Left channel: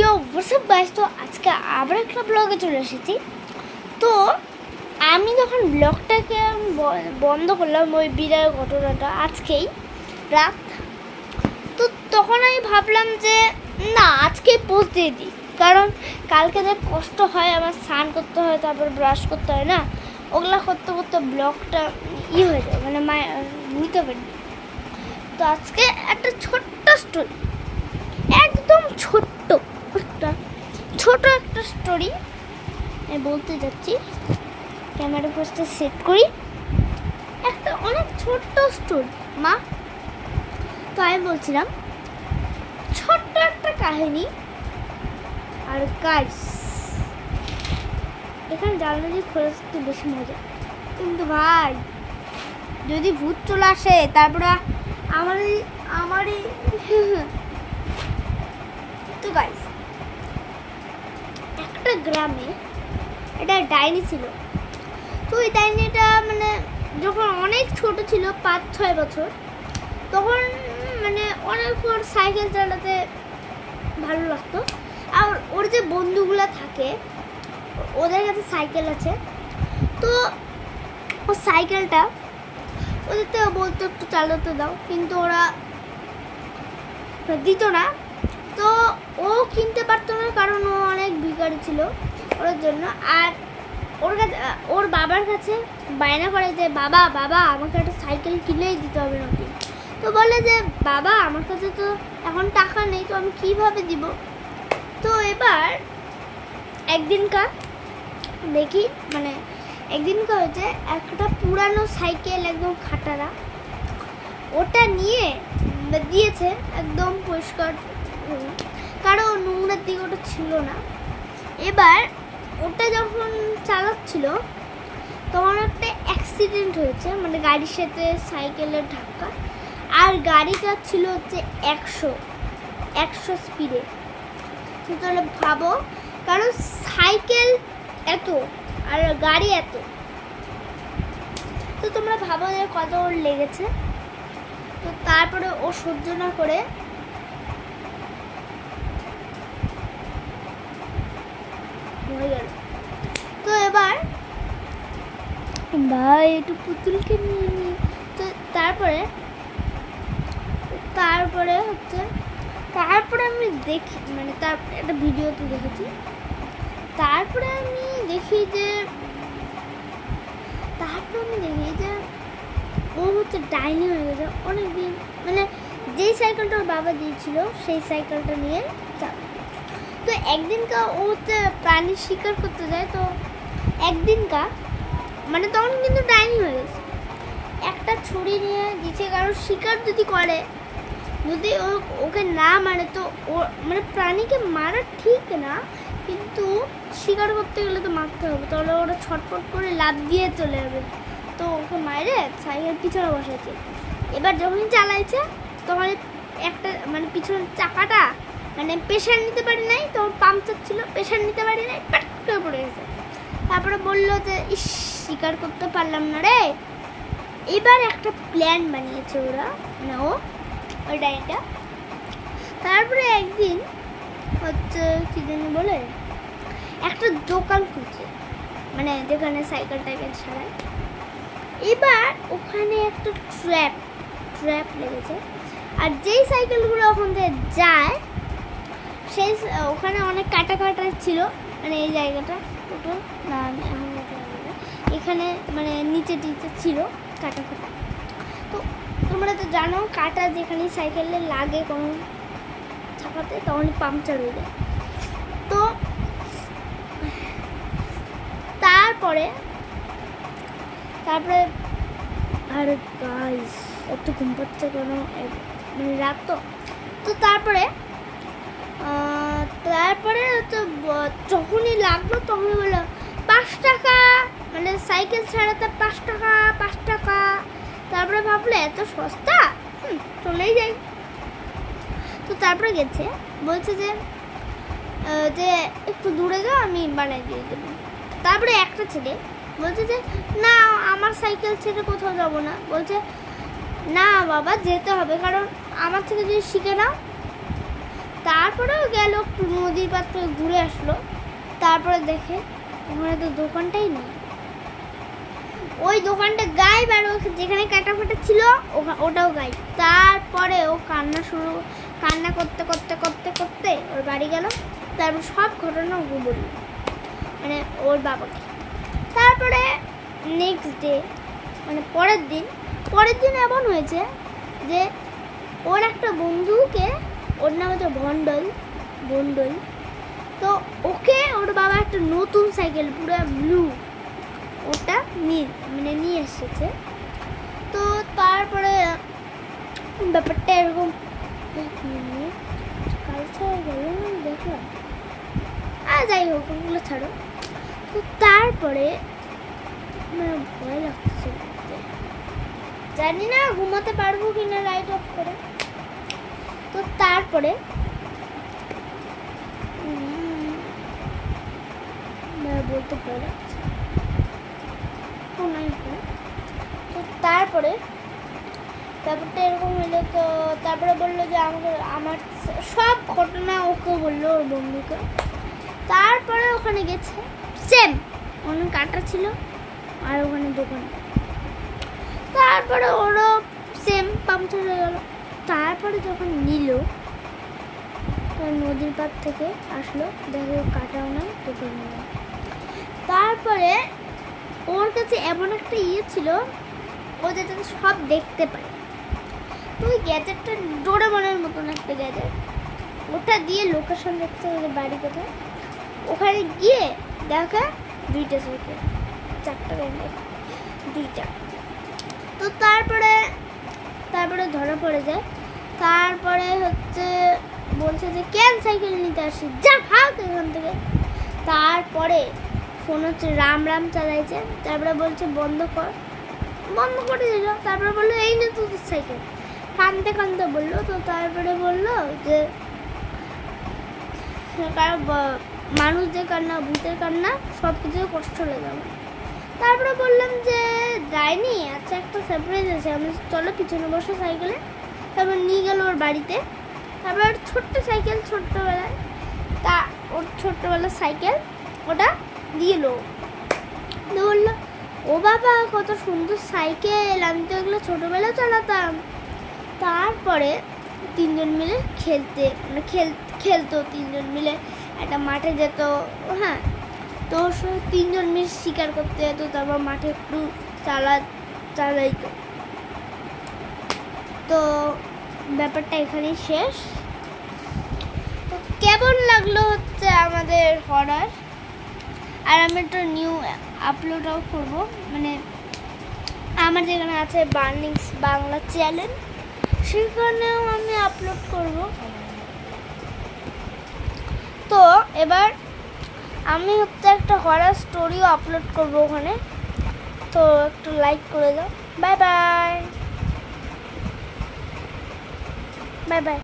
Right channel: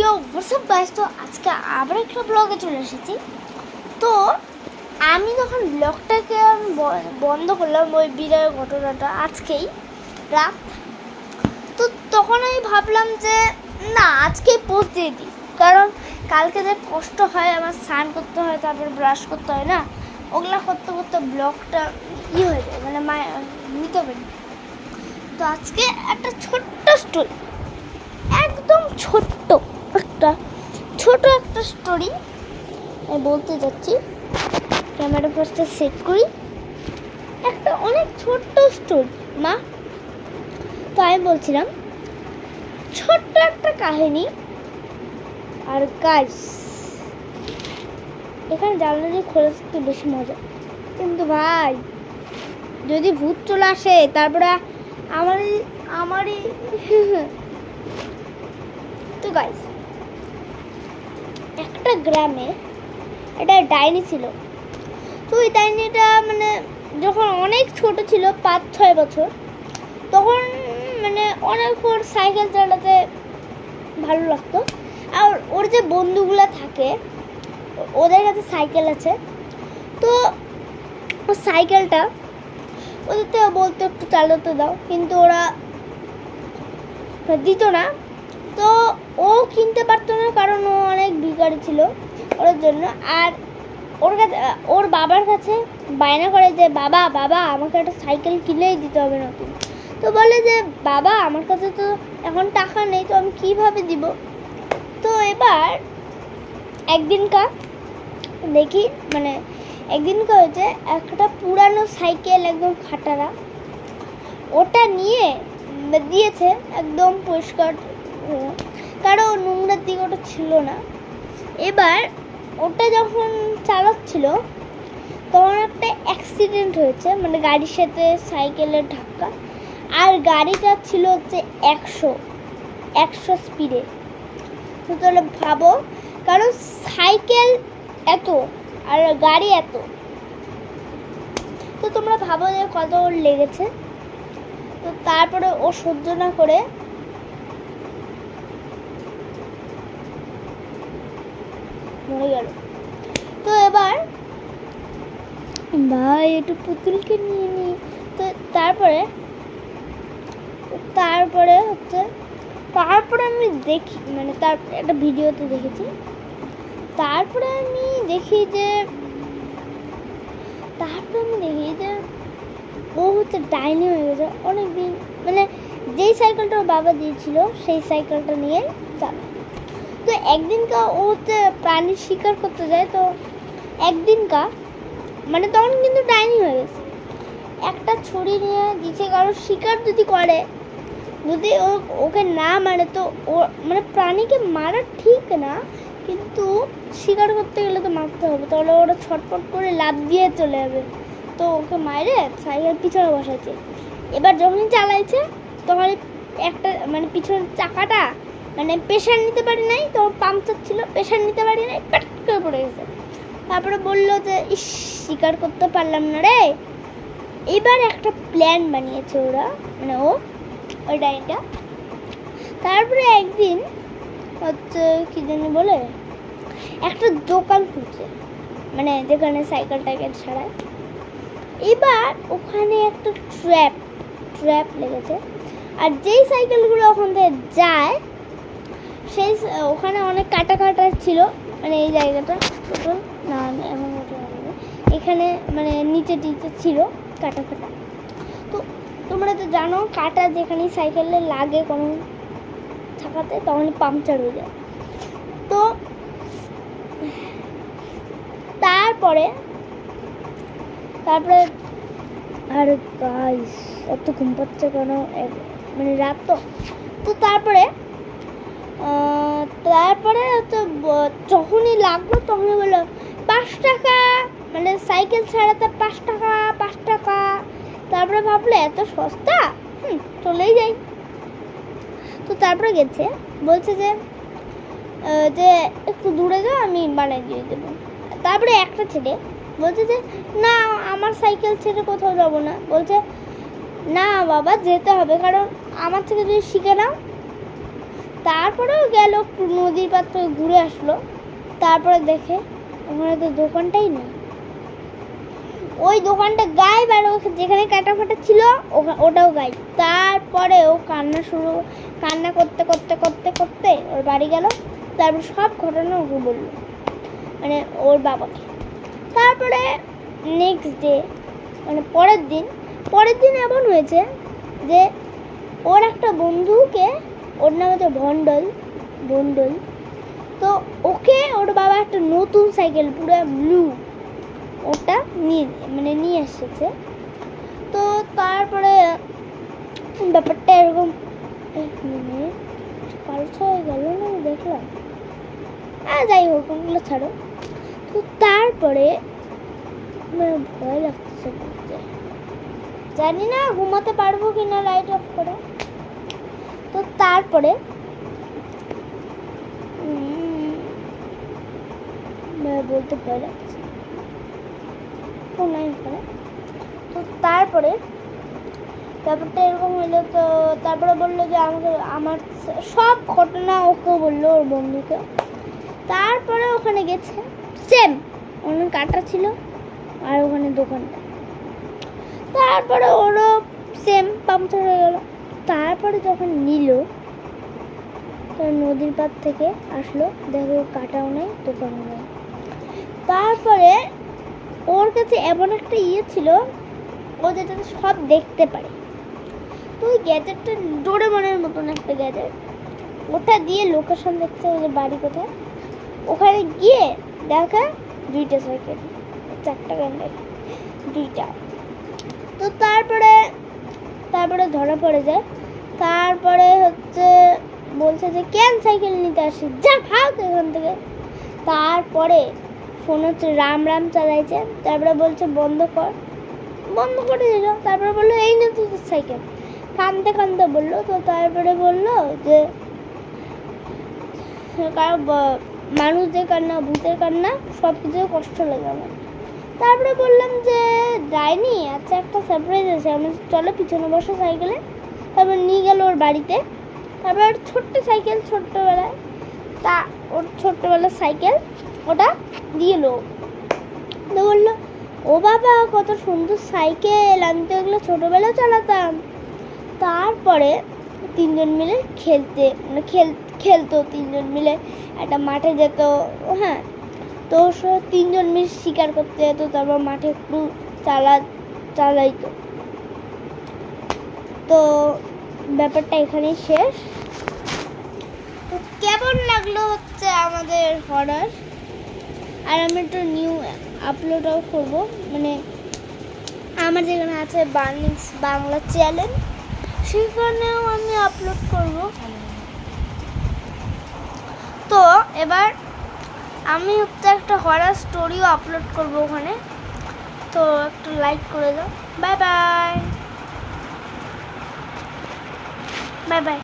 ইয়ো WhatsApp guys, তো আজকে আবার একটা ব্লগে চলে এসেছি। তো আমি যখন ব্লগটাকে বন্ধ করলাম ওই বিরাট ঘটনাটা আজকেই রাত, তো তখন আমি ভাবলাম যে না আজকেই পোস্ট দিয়ে দিই, কারণ কালকে যে কষ্ট হয় আমার স্নান করতে হয়, তারপরে ব্রাশ করতে হয় না, ওগুলা করতে করতে ব্লগটা হয়ে যায়, মানে নিতে পারি। তো আজকে একটা ছোট্ট স্টোরি, একদম ছোট্ট একটা স্টোরি আমি বলতে যাচ্ছি। ক্যামেরা পোস্টটা সেট করি, একটা অনেক ছোট্ট স্টোরি মা। তো আমি বলছিলাম ছোট্ট একটা কাহিনী। আর গাইস, এখানে জানলা দিয়ে খোলা থাকতে বেশি মজা, কিন্তু ভাই যদি ভূত চলে আসে তারপরে আমারই তো গাইস, একটা গ্রামে এটা ডাইনি ছিল। তো ওই ডাইনিটা মানে যখন অনেক ছোট ছিল, 5-6 বছর, তখন মানে অনেক ওর সাইকেল চালাতে ভালো লাগতো। আর ওর যে বন্ধুগুলো থাকে ওদের কাছে সাইকেল আছে, তো ও সাইকেলটা ওদেরকে বলতো একটু চালাতে দাও, কিন্তু ওরা দিত না। তো ও কিনতে পারতো না, কারণ ও অনেক ভিখারি ছিল ওর জন্য। আর ওর বাবার কাছে বায়না করে যে বাবা আমাকে একটা সাইকেল কিনেই দিতে হবে নতুন। তো বলে যে বাবা আমার কাছে তো এখন টাকা নেই, তো আমি কিভাবে দিব। তো এবার একদিনকার হচ্ছে একটা পুরানো সাইকেল, একদম খাটারা, ওটা নিয়ে দিয়েছে একদম পরিষ্কার, কারণ নোংরার দিকে ওটা ছিল না। এবার ওটা যখন চালাচ্ছিল তখন একটা অ্যাক্সিডেন্ট হয়েছে, মানে গাড়ির সাথে সাইকেলের ধাক্কা। আর গাড়িটা ছিল হচ্ছে 100 স্পিডে। তো তাহলে ভাবো, কারণ সাইকেল এত আর গাড়ি এত, তো তোমরা ভাবো যে কত ওর লেগেছে। তো তারপরে ও সহ্য না করে মরে গেল। তো এবার ভাই একটু পুতুলকে নিয়ে নিই। তো তারপরে আমি দেখি, মানে তার একটা ভিডিওতে দেখেছি। তারপরে আমি দেখি যে ও হচ্ছে ডাইনি হয়ে গেছে অনেকদিন। মানে যেই সাইকেলটা ওর বাবা দিয়েছিল সেই সাইকেলটা নিয়ে চালা। তো একদিনকার ও হচ্ছে প্রাণী শিকার করতে যায়। তো একদিনকার মানে তখন কিন্তু ডাইনি হয়ে গেছে, একটা ছুরি নিয়ে দিচ্ছে, কারণ শিকার যদি করে, যদি ওকে না মারে, তো ও মানে প্রাণীকে মারা ঠিক না, কিন্তু শিকার করতে গেলে তো মারতে হবে, তাহলে ওরা ছটফট করে লাফ দিয়ে চলে যাবে। তো ওকে মারে সাইকেল পিছনে বসাচ্ছে। এবার যখনই চালাইছে তখন একটা মানে পিছনের চাকাটা মানে প্রেশার নিতে পারি নাই, তো পাংচার ছিল, প্রেশার নিতে পারি নাই, প্যাট করে পড়ে গেছে। তারপরে বললো যে ইস, শিকার করতে পারলাম না রে। এবার একটা প্ল্যান বানিয়েছে ওরা, মানে ওই ডাইনিটা। তারপরে একদিন হচ্ছে কি জানি বলে একটা দোকান খুলছে, মানে যেখানে সাইকেল টাইকেল ছাড়ায়। এবার ওখানে একটা ট্র্যাপ লেগেছে। আর যেই সাইকেলগুলো ওখান থেকে যায় সেই ওখানে অনেক কাটা ছিল, মানে এই জায়গাটা না এখন এখানে মানে নিচে ছিল কাটা। তো তোমরা তো জানো কাটা যেখানে সাইকেলে লাগে কোনো ছাকাতে, তখন পাংচার হয়ে যায়। তো তারপরে আর গাইস এত ঘুম পাচ্ছে কেন, মানে রাত তো তারপরে হচ্ছে যখনই লাগলো তখনই বললো 5 টাকা, মানে সাইকেল ছাড়াতে 5 টাকা। তারপরে ভাবলো এত সস্তা, চলেই যাই। তো তারপরে গেছে, বলছে যে একটু দূরে যাও, আমি বানিয়ে দিয়ে দেবো। তারপরে একটা ছেলে বলছে যে না আমার সাইকেল ছেড়ে কোথাও যাবো না। বলছে না বাবা যেতে হবে, কারণ আমার থেকে যদি শিখে নাও তারপরেও গেল একটু নদীর পার থেকে ঘুরে আসলো, তারপরে দেখে ওখানে তো দোকানটাই নেই। ওই দোকানটা গায়েব, আর যেখানে কাটা ফাটা ছিল ওটাও গায়েব। তারপরে ও কান্না করতে করতে করতে করতে ওর বাড়ি গেল। তারপর সব ঘটনা ওকে বলল, মানে ওর বাবাকে। তারপরে নেক্সট ডে, মানে পরের দিন এমন হয়েছে যে ওর একটা বন্ধুকে, ওর নাম হচ্ছে বন্ডল, তো ওকে ওর বাবা একটা নতুন সাইকেল পুরো ব্লু ওটা নিয়ে এসেছে। তো তারপরে ব্যাপারটা এরকম, কাল ছাড়া গেল না দেখলাম, যাই হোক ওগুলো ছাড়ো। তো তারপরে আমার ভয় লাগতেছে বলতে, জানি না ঘুমাতে পারবো কিনা লাইট অফ করে। তো তারপরে বলতে ভয় লাগছে। তো তারপরটা এরকম হলো। তো তারপরে বললো যে আমার সব ঘটনা ওকে বললো, ওর বন্ধুকে। তারপরে ওখানে গেছে, সেম ওখানে কাটা ছিল আর ওখানে দোকানটা। তারপরে ওরও সেম পাংচার হয়ে গেল। তারপরে যখন নিল, তো নদীর পার থেকে আসলো, দেখো কাটাও নাই, দোকানও নাই। তারপরে ওর কাছে এমন একটা ছিল, ও যেটাতে সব দেখতে পারে। তো ওই গ্যাজেটটা ডোরেমনের মতন একটা গ্যাজেট, ওটা দিয়ে লোকেশন দেখতে হবে বাড়ি কোথায়। ওখানে গিয়ে দেখে 2টা সাইকেল, 4টা ব্যান্ডেল, 2টা। তো তারপরে ধরা পড়ে যায়। তারপরে বলছে যে কেন সাইকেল নিতে আসি, যা ভাগ এখান থেকে। তারপরে ফোন রাম চালাইছে। তারপরে বলছে বন্ধ করে দিল। তারপরে বললো এই না তোদের সাইকেল, কানতে বললো। তো তারপরে বললো যে মানুষদের কান্না, ভূতের কান্না, সব কিছু কষ্ট লেগে আমার। তারপরে বললাম যে যাইনি, আচ্ছা একটা সারপ্রাইজ আছে, আমি চলো পিছনে বসো সাইকেলে। তারপর নিয়ে গেল ওর বাড়িতে। তারপর ছোট্ট সাইকেল, ছোট্টবেলায় ওর ছোট্টবেলার সাইকেল ওটা দিল। তো বললো ও বাবা কত সুন্দর সাইকেল, আমি তো এগুলো ছোটবেলায় চালাতাম। তারপরে 3জন মিলে খেলতো 3জন মিলে একটা মাঠে যেত। হ্যাঁ, তো 3জন মিলে শিকার করতে যেত। তারপর মাঠে একটু চালাইতো। তো ব্যাপারটা এখানেই শেষ। তো কেমন লাগলো আমাদের হরার, আর আমি একটু নিউ আপলোডও করব, মানে আমার যেখানে আছে বার্নিংস বাংলা চ্যানেল, সেখানেও আমি আপলোড করব। তো এবার আমি একটা হরার স্টোরিও আপলোড করব ওখানে। তো একটু লাইক করে দাও। Bye bye.